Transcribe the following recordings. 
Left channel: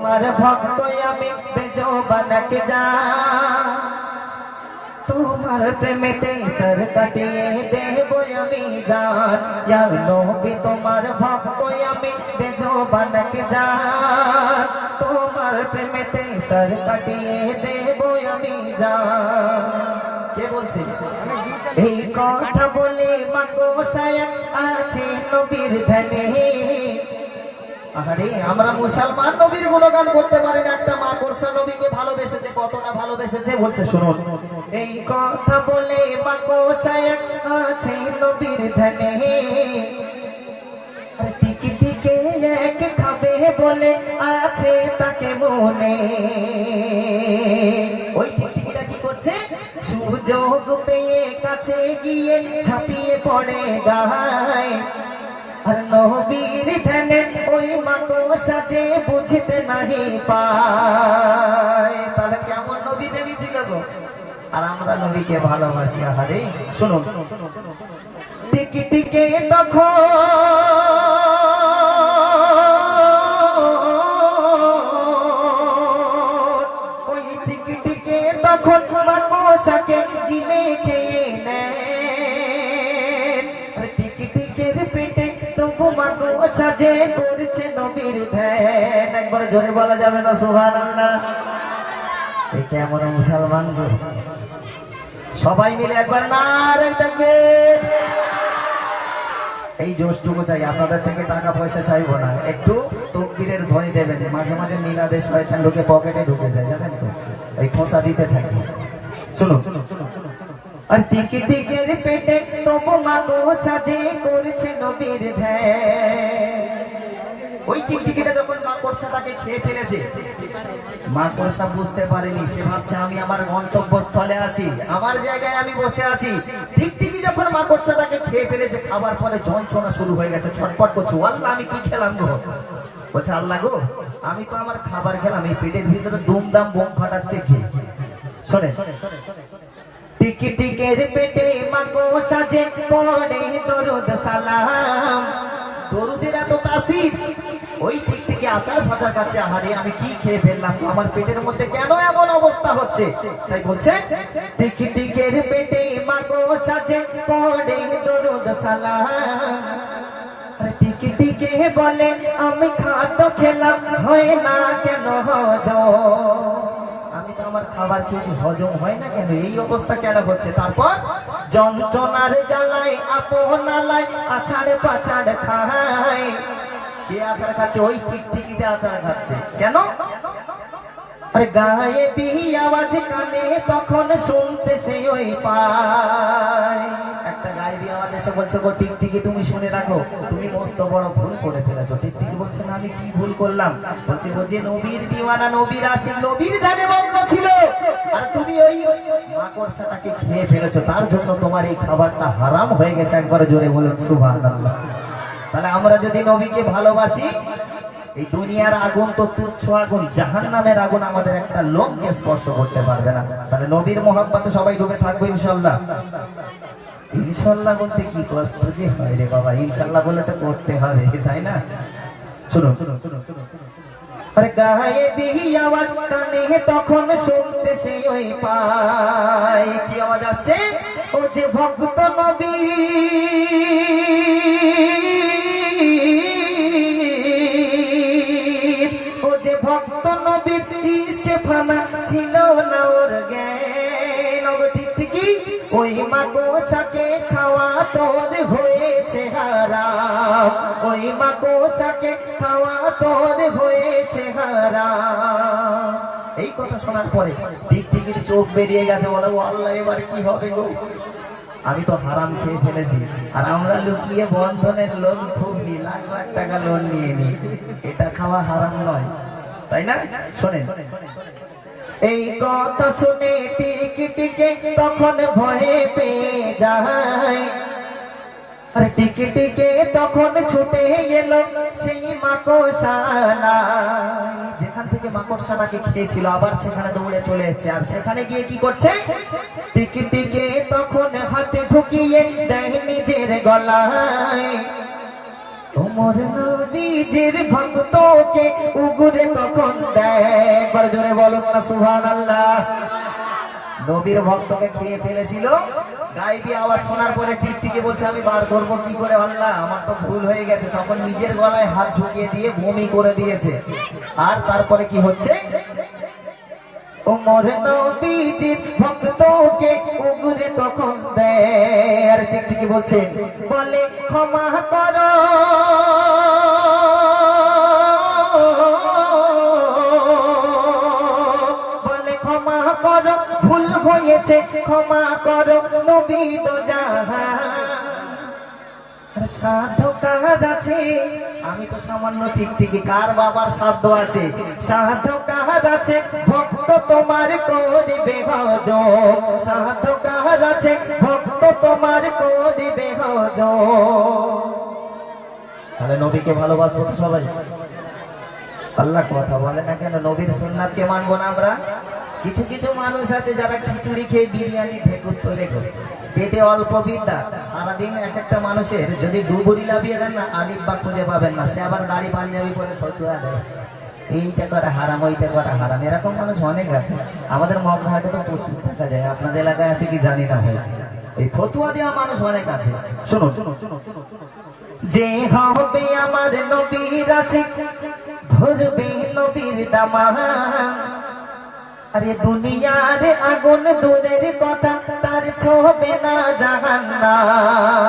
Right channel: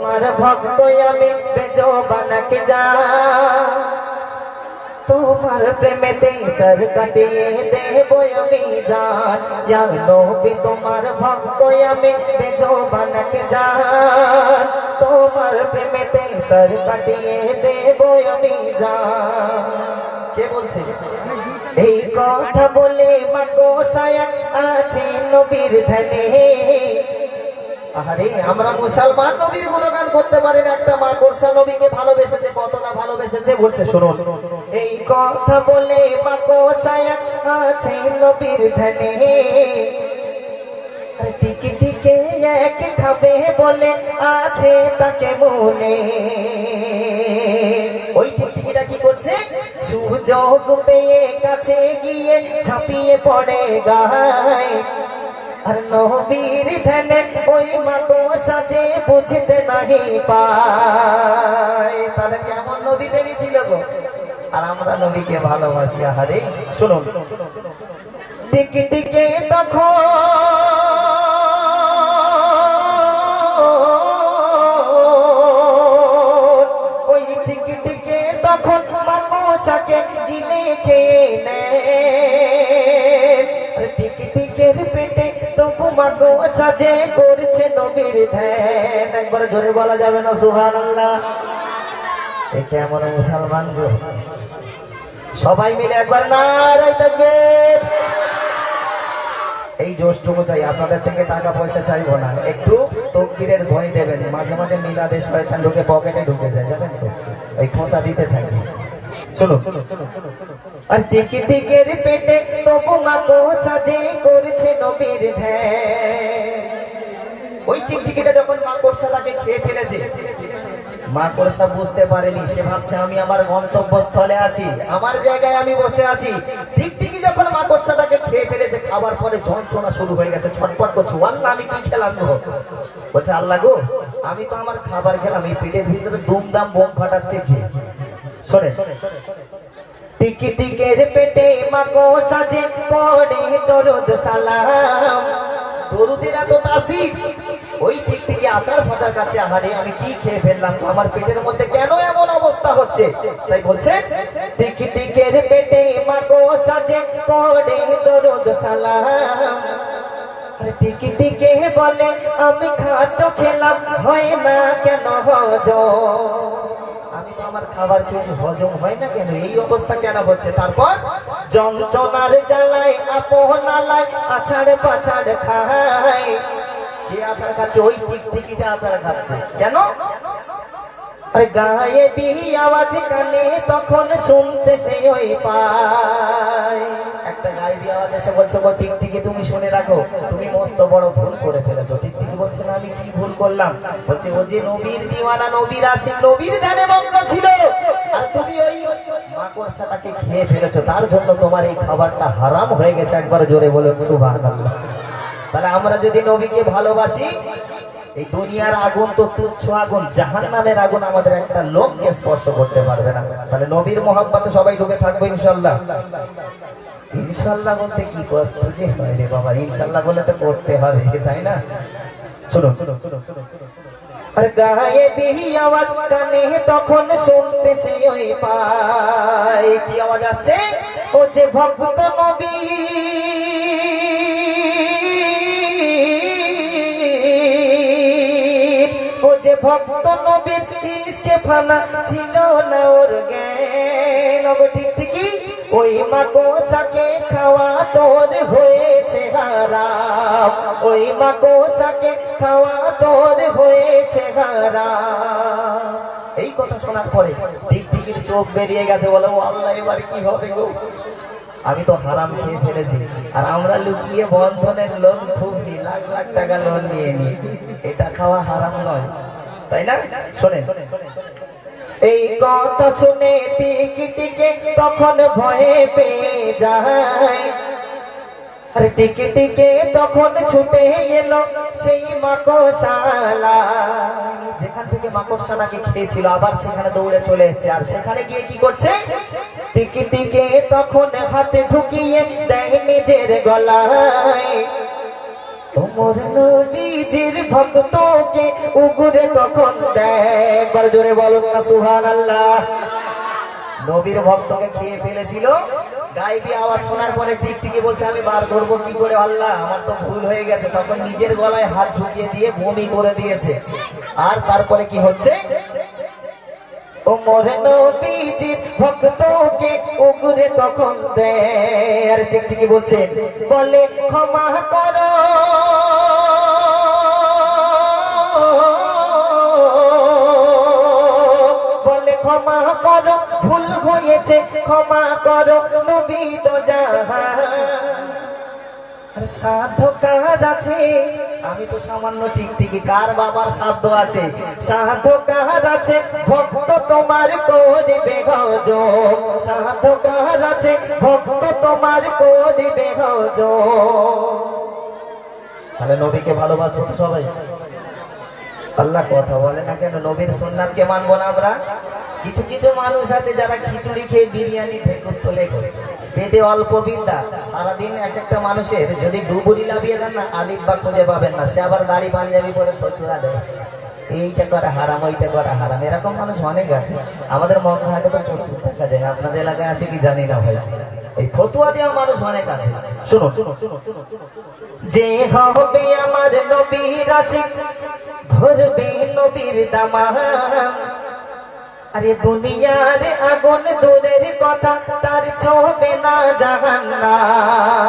তোমার ভক্ত আমি বেজবানকে যা তোমার প্রেমেতে সর কাটিয়ে দেব আমি জান ইয়া নবী তোমার ভক্ত আমি বেজবানকে যা তোমার প্রেমেতে সর কাটিয়ে দেব আমি জান। কে বলছে এই কথা বলে মা কোসায় আছে নবীর ধ্যানে। আরে আমরা মুসলমান নবীর গুণগান করতে পারি না, একটা মা কোরসা নবীকে ভালোবেসেছে, কতটা ভালোবেসেছে বলছে শুনুন। এই কথা বলে মা কোসায় আছে নবীর ধ্যানে, টিকি টিকে এক খাবে বলে আছে তাকে মনে। ওই টিকটিকিটা কি করছে, সুযোগ পেয়ে কাছে গিয়ে ঝাঁপিয়ে পড়ে গায়। আর নবীর ধ্যানে ওই মা কোসা যে বুঝতে নাহি পায়। তাহলে কেমন নবী দেবী ছিল গো, আর আমরা নবীকে ভালোবাসি। আহারে শুনুন, টিকি টিকে তখন ওই টিকি টিকে তখন মা কোসাকে দিলে খেয়ে নেয়। টিকি টিকের পেটে তবু মা কোসা যে করছে নবীর ধ্যান। একবার জোরে বলা যাবে না সুবহানাল্লাহ? এই কেমন মুসলমান গো, সবাই মিলে একবার নারে তাকবীর। এই জোশটুকু চাই, আপনাদের থেকে টাকা পয়সা চাইবো না, একটু তাকবীরের ধ্বনি দেবেন। মাঝে মাঝে মিলাদে শয়তান ঢুকে পকেটে ঢুকে যায়, জানেন তো, এই খোঁচা দিতে থাকি। শুনো, আর টিকি টিকের পেটে তবু মা কোসা যে করছে নবীর ধ্যান। ওই টিকটিকিটা যখন মা কোরসা তাকে খেয়ে ফেলেছে, মা কোরসা বুঝতে পারেনি, সে ভাবছে আমি আমার গন্তব্যস্থলে আছি, আমার জায়গায় আমি বসে আছি। টিকটিকি যখন মা কোরসাটাকে খেয়ে ফেলেছে, খাবার পরে যন্ত্রণা শুরু হয়ে গেছে, ছটফট করছে, আল্লাহ আমি কি খেলাম গো। বলছে আল্লাহ গো, আমি তো আমার খাবার খেলাম, এই পেটের ভিতরে দুমদাম বোম ফাটাচ্ছে কি। শোনে, টিকি টিকের পেটে মা কোসা যে পড়ে দরুদ সালাম। দরুদের এত তাসির, ওই টিকটিকি আচার ফাচার কাছে, আহারে আমি কি খেয়ে ফেললাম, আমার পেটের মধ্যে কেন এমন অবস্থা হচ্ছে। তাই বলছে টিকি টিকের পেটে মা কোসা যে পড়ে দরুদ সালাম। টিকি টিকে বলে আমি খাদ্য খেলাম হয় না কেন হজম, আমি তো আমার খাবার খেয়েছি, হজম হয় না কেন, এই অবস্থা কেন হচ্ছে। তারপর যন্ত্রণার জ্বালায় আপনালায় আছাড় পাছাড় খায়। কে আছাড় খাচ্ছে? ওই টিকটিকিটা আছাড় খাচ্ছে। কেন? আরে গায়ে বিহি আওয়াজ কানে তখন শুনতে সে ওই পায়। একটা গায়েবী আওয়াজ এসে বলছে গো টিকটিকি তুমি শুনে রাখো, তুমি মস্ত বড় ভুল করে ফেলেছো। টিকটিকি বলছে না, আমি কি ভুল করলাম? বলছে ও যে নবীর দিওয়ানা, নবীর আছে, নবীর ধ্যানে মগ্ন ছিল, আর তুমি ওই মাকড়সাটাকে খেয়ে ফেলেছো, তার জন্য তোমার এই খাবারটা হারাম হয়ে গেছে। একবার জোরে বলুন সুবহানাল্লাহ। তাহলে আমরা যদি নবীকে ভালোবাসি, এই দুনিয়ার আগুন তো তুচ্ছ আগুন, জাহান্নামের আগুন আমাদের একটা লোককে স্পর্শ করতে পারবে না। তাহলে নবীর মহব্বতে সবাই ডুবে থাকবো ইনশাআল্লাহ। ইনশাআল্লাহ বলতে কি কষ্ট যে হয় রে বাবা, ইনশাআল্লাহ বলে তো করতে হবে, তাই না? শুনুন, আর গায়ে বিহি আওয়াজ কানে তখন শুনতে সে ওই পায়। কি আওয়াজ আসছে? ও যে ভক্ত নবী, ও যে ভক্ত নবীর ইস্তেফানা ছিল না ওর জ্ঞান। টিকটিকি ওই মা কোসাকে খাওয়া তোর হয়েছে হারাম, ওই মা কোসাকে খাওয়া তোর হয়েছে হারাম। এই কথা শোনার পরে টিকটিকির চোখ বেরিয়ে গেছে, বলে ও আল্লাহ এবার কি হবে গো, আমি তো হারাম খেয়ে ফেলেছি। আর আমরা লুকিয়ে বন্ধনের লোন খুব নি, লাখ লাখ টাকা লোন নিয়ে নি, এটা খাওয়া হারাম নয়, তাই না? শোনেন, এই কথা শুনে টিকি টিকে তখন ভয়ে পেয়ে যায়। আর টিকি টিকে তখন ছুটে এলো সেই মাকড়সালায়, যেখান থেকে মাকড়সাটাকে খেয়েছিল, আবার সেখানে দৌড়ে চলে এসেছে। আর সেখানে গিয়ে কি করছে? টিকি টিকে তখন হাতে ঢুকিয়ে দেয় নিজের গলায়। তোমার নবীজির ভক্তকে উগুরে তখন দেয়, একবার জোরে বলুন না সুবহানাল্লাহ। নবীর ভক্তকে খেয়ে ফেলেছিল, গায়েবী আওয়াজ শোনার পরে টিকটিকি বলছে আমি বার করবো কি করে আল্লাহ, আমার তো ভুল হয়ে গেছে। তখন নিজের গলায় হাত ঢুকিয়ে দিয়ে বমি করে দিয়েছে। আর তারপরে কি হচ্ছে, ওমর নবীজির ভক্তকে উগুরে তখন দেয়, আর টিকটিকি বলছে বলে ক্ষমা করো বলে ক্ষমা করো, ভুল হয়েছে ক্ষমা করো নবী তো জাহান। আর সাধ্য কাজ আছে, আমি তো সামান্য টিকটিকি, কার বাবার সাধ্য আছে, সাধ্য কাজ আছে ভক্ত তোমার করিবে ভজন, সাধ্য কাজ আছে ভক্ত তোমার করিবে ভজন। তাহলে নবীকে ভালোবাসবো তো সবাই। আল্লাহ কথা বলে না কেন নবীর সুন্নাতকে মানবো না আমরা? কিছু কিছু মানুষ আছে যারা খিচুড়ি খেয়ে বিরিয়ানি ঢেকুর তোলে করে, পেটে অল্প বিদ্যা, সারাদিন এক একটা মানুষের যদি ডুবুরি লাভিয়ে দেন না আলিফ বা খুঁজে পাবেন না, সে আবার দাড়ি পাঞ্জাবি পরে ফতুয়া দেয় এইটা করা হারাম ওইটা করা হারাম। এরকম মানুষ অনেক আছে, আমাদের মগরাহাটে তো প্রচুর দেখা যায়, আপনাদের এলাকায় আছে কি জানি না ভাই। এই ফতুয়া দেওয়া মানুষ অনেক আছে। শুনো, যে হবে আমার নবীর আশিক ভরবে নবীর দামান, আরে দুনিয়ার আগুন দূরের কথা, তার ছোবে না জাহান্নাম।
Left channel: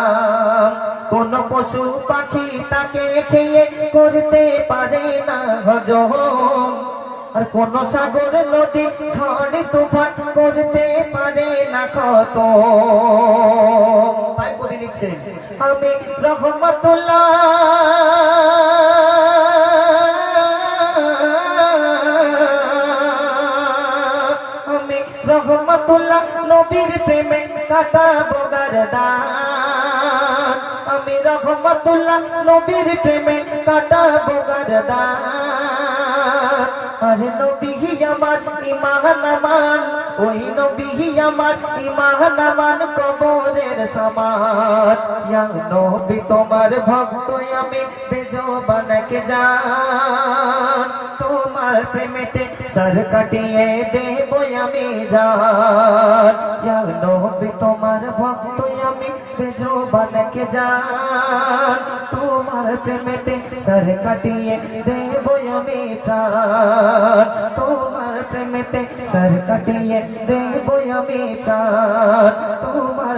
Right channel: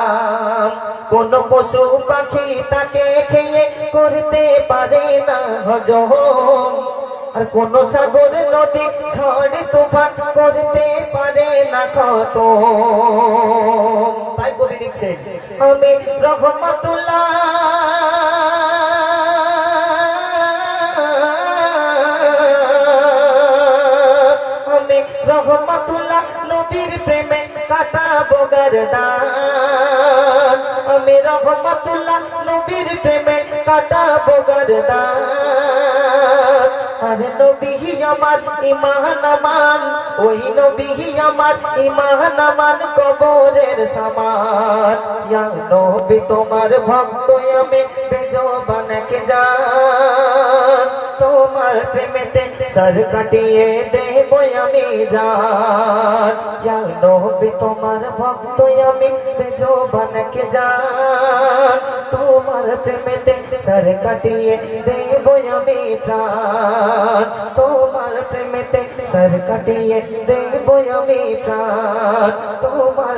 কোন পশু পাখি তাকে খেয়ে করতে পারে না হজম, আর কোন সাগর নদী ঝড় তুফান করতে পারে না খতম। তাই কবি লিখছেন আমি রহমাতুল্লাহ রহমাতুল্লাহ নবীর প্রেমে কাটাবো গরদান, আমি রহমাতুল্লাহ নবীর প্রেমে কাটাবো গরদান। আরে নবী আমার ইমান আমান, ওই নবী আমার ইমান আমান কবরের সামান। ইয়া নবী তোমার ভক্ত আমি বেজবানকে জান, তোমার প্রেমেতে সর কাটিয়ে দেব আমি জান। ইয়া নবী তোমার ভক্ত আমি বেজবানকে জান, তোমার প্রেমেতে সর কাটিয়ে দেব আমি প্রাণ, তোমার প্রেমেতে সর কাটিয়ে দেব আমি প্রাণ, তোমার